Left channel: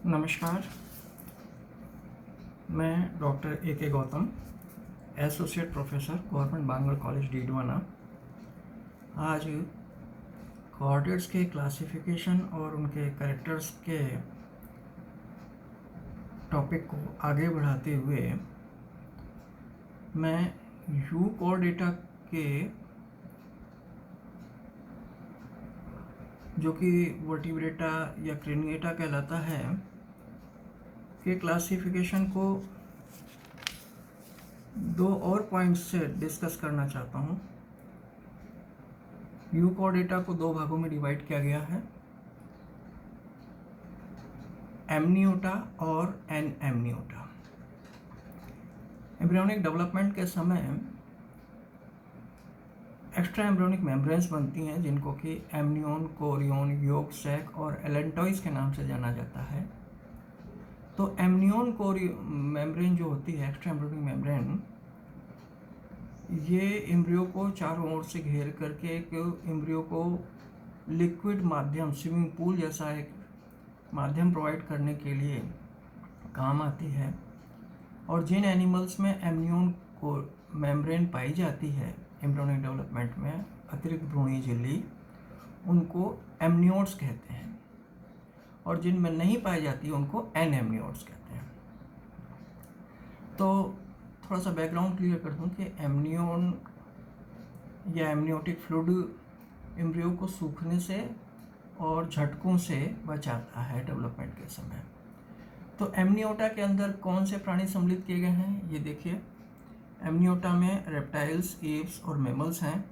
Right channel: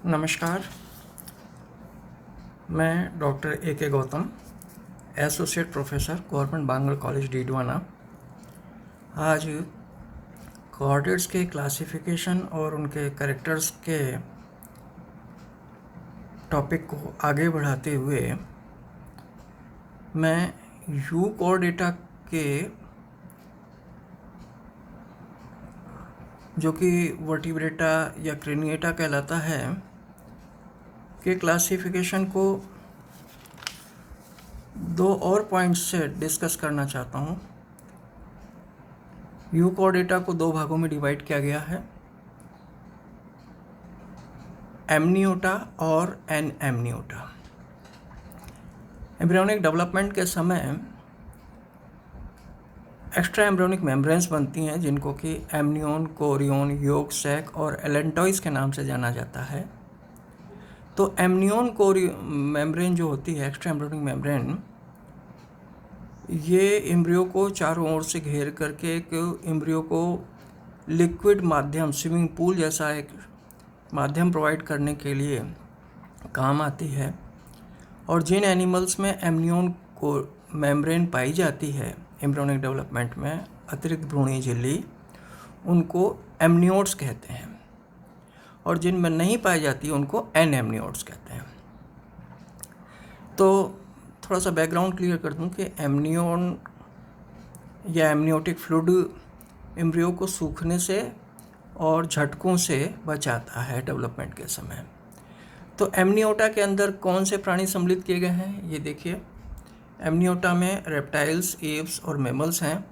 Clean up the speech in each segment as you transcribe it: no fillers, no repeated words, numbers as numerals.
नमस्कार, मैं doctor A K. Gautam, associate professor, government Bangad college Didwana. आज कोऑर्डिनेट्स के क्लासिफिकेशन और उनके कैरेक्टर्स के टॉपिक को आगे बढ़ाते हुए मैं यू कोऑर्डिनेटा के जो कि वर्टिब्रेटा या क्रेनिएटा कहलाता है के क्लासिफिकेशन को दो और पॉइंट्स से डिस्कस करना चाहता हूँ। यू कोऑर्डिनेटा को दो भागों में डिवाइड किया गया है, एमनियोटा और एन एमनियोटा। एम्ब्रियोनिक डेवलपमेंट के समय एक्स्ट्रा एम्ब्रियोनिक मेम्ब्रेन्स बनती हैं जिनको कि एमनियोन, कोरियोन, योग सैक और एलेंटॉइस के नाम से जाना जाता है। तो एमनियोन मेम्ब्रेन जो होती है, एक्स्ट्रा एम्ब्रियोनिक मेम्ब्रेन, ये एम्ब्रियो को चारों ओर से घेर करके एक एम्ब्रियो को लिक्विड माध्यम, स्विमिंग पूल जैसा एक माध्यम प्रोवाइड करने के लिए काम आती है। और जिन एनिमल्स में एमनियोन को मेम्ब्रेन पाई जाती है एम्ब्रियोनिक डेवलपमेंट में, अतिरिक्त भ्रूणीय झिल्ली, उनको एमनियोट्स कहते हैं, और जिनमें नहीं पाई जाती उनको एन एमनियोट्स कहते हैं। तो थोड़ा सा बैकग्राउंड क्लियर कर दूं कि एमनियोन या एमनियोटिक फ्लूइड एम्ब्रियो को सूखने से और झटकों से बचाता है डेवलपमेंट के समय। तो एमनियोटा के अंदर कौन से प्राणी सम्मिलित किए गए हैं, ये देखिए। एमनियोटा में रेप्टाइल्स, एव्स और मैमल्स हैं,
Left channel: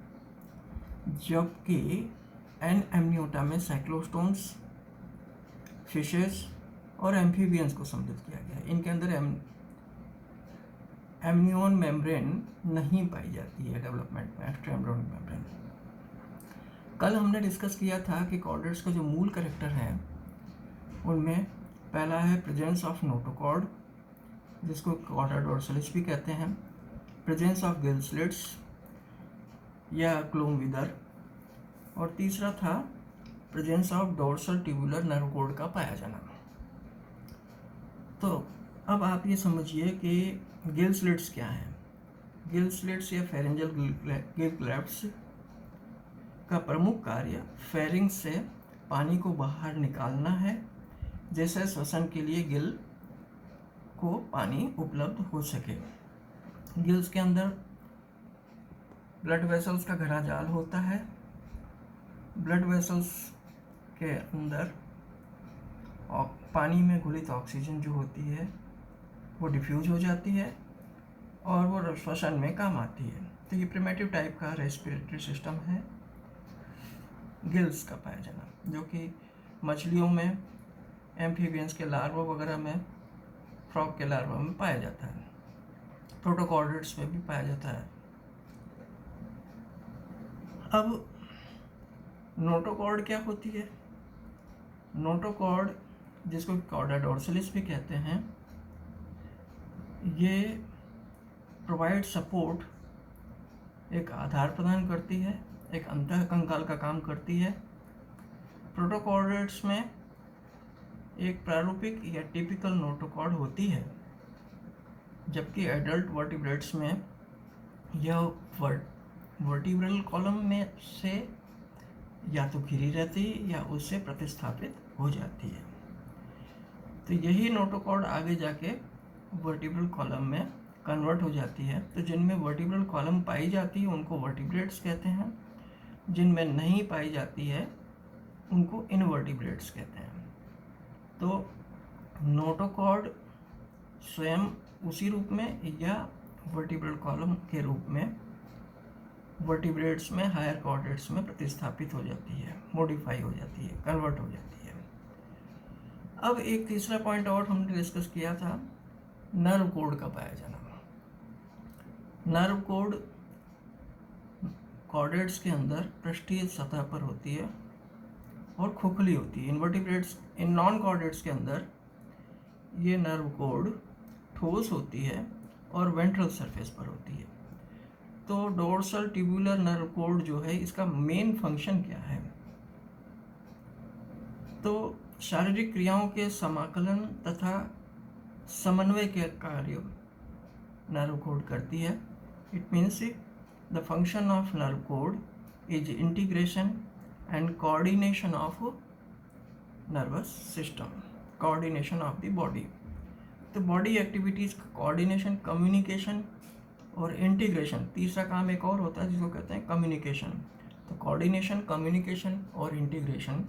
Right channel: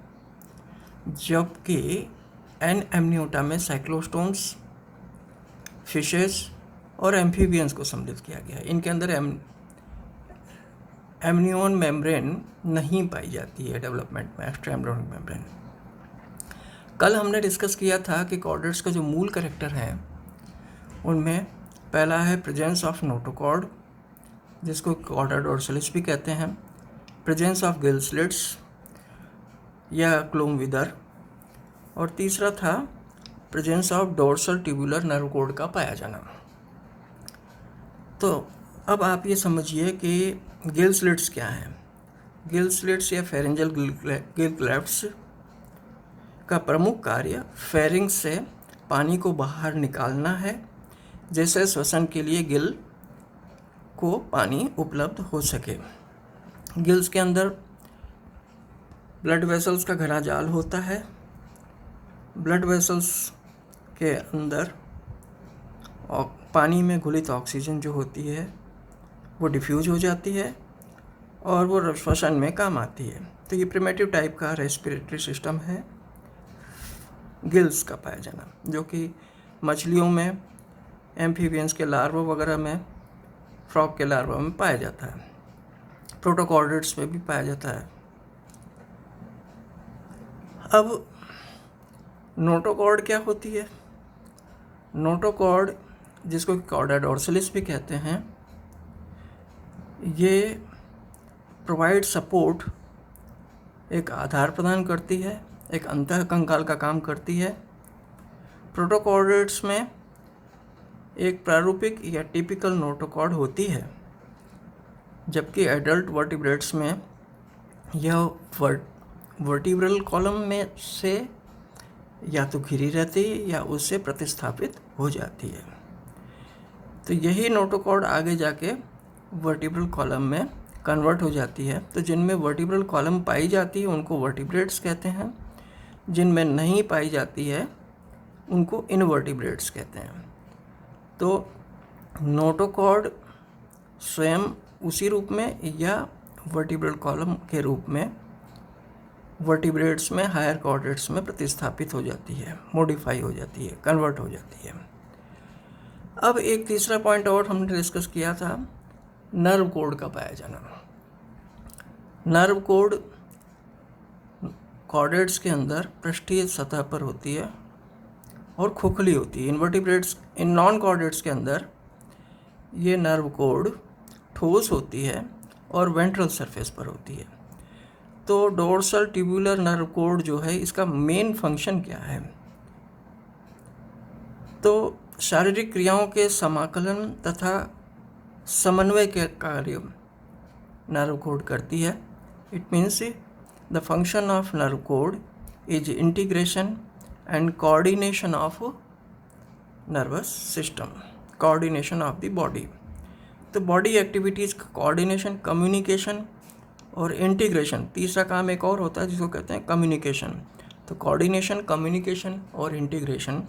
जबकि एन एमनियोटा में साइक्लोस्टोम्स, फिशेस और एम्फीबियंस को सम्मिलित किया गया है। इनके अंदर एमनियोन मेम्ब्रेन नहीं पाई जाती है डेवलपमेंट में, एक्स्ट्रा एम्ब्रियोनिक मेम्ब्रेन। कल हमने डिस्कस किया था कि कोऑर्डिनेट्स का जो मूल कैरेक्टर है उनमें पहला है प्रेजेंस ऑफ नोटोकॉर्ड, जिसको कॉर्डा डोर्सलिस भी कहते हैं, प्रेजेंस ऑफ गिल स्लिट्स या क्लोम विदर, और तीसरा था presence of dorsal tubular nerve code का पाया जाना। तो अब आप ये समझिए कि गिल स्लिट्स क्या हैं। गिल स्लिट्स या फेरेंजल गिल क्लेफ्ट्स का प्रमुख कार्य फेरिंग्स से पानी को बाहर निकालना है, जैसे श्वसन के लिए गिल को पानी उपलब्ध हो सके। गिल्स के अंदर ब्लड वेसल्स का घना जाल होता है। ब्लड वेसल्स के अंदर पानी में घुलित ऑक्सीजन जो होती है वो डिफ्यूज हो जाती है और वो श्वसन में काम आती है। तो ये प्रिमेटिव टाइप का रेस्पिरेटरी सिस्टम है गिल्स का पाया जाना, जो कि मछलियों में, एम्फीबियंस के लार्वा वगैरह में, फ्रॉग के लार्वा में पाया जाता है, प्रोटोकॉर्डेट्स में भी पाया जाता है। अब नोटोकॉर्ड क्या होती है? नोटोकॉर्ड, जिसको कॉर्डा डोर्सलिस भी कहते हैं, ये प्रोवाइड सपोर्ट, एक आधार प्रदान करती है, एक अंतः कंकाल का काम करती है। प्रोटोकॉर्डेट्स में एक प्रारूपिक या टिपिकल नोटोकॉर्ड होती है, जबकि एडल्ट वर्टिब्रेट्स में यह वर्टिब्रल कॉलम में से या तो घिरी रहती है या उससे प्रतिस्थापित हो जाती है। तो यही नोटोकॉर्ड आगे जाके वर्टिब्रल कॉलम में कन्वर्ट हो जाती है। तो जिनमें वर्टिब्रल कॉलम पाई जाती है उनको वर्टिब्रेट्स कहते हैं, जिनमें नहीं पाई जाती है उनको इनवर्टिब्रेट्स कहते हैं। तो नोटोकॉर्ड स्वयं उसी रूप में या वर्टिब्रल कॉलम के रूप में वर्टिब्रेट्स में, हायर कॉर्डेट्स में प्रतिस्थापित हो जाती है, मॉडिफाई हो जाती है, कन्वर्ट हो जाती है। अब एक तीसरा पॉइंट और हमने डिस्कस किया था, नर्व कोड का पाया जाना। नर्व कोड कॉर्डेट्स के अंदर पृष्ठीय सतह पर होती है और खोखली होती है। इनवर्टिब्रेट्स, इन नॉन कॉर्डेट्स के अंदर ये नर्व कोड ठोस होती है और वेंट्रल सरफेस पर होती है। तो डोर्सल ट्यूबुलर नर्व कोड जो है, इसका मेन फंक्शन क्या है? तो शारीरिक क्रियाओं के समाकलन तथा समन्वय के कार्य नर्व कोड करती है। It means the function of nerve code is integration and coordination of nervous system, coordination of the body. तो बॉडी एक्टिविटीज़ का कोऑर्डिनेशन, कम्युनिकेशन और इंटीग्रेशन, तीसरा काम एक और होता है जिसको कहते हैं कम्युनिकेशन। तो कोऑर्डिनेशन, कम्युनिकेशन और इंटीग्रेशन,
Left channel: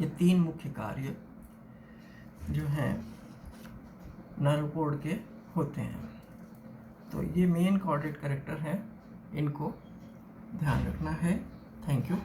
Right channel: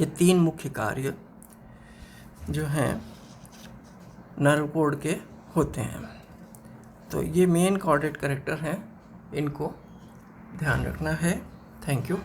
ये तीन मुख्य कार्य जो हैं नर्व कोड के होते हैं। तो ये मेन कोऑर्डिनेट कैरेक्टर हैं, इनको ध्यान रखना है। Thank you.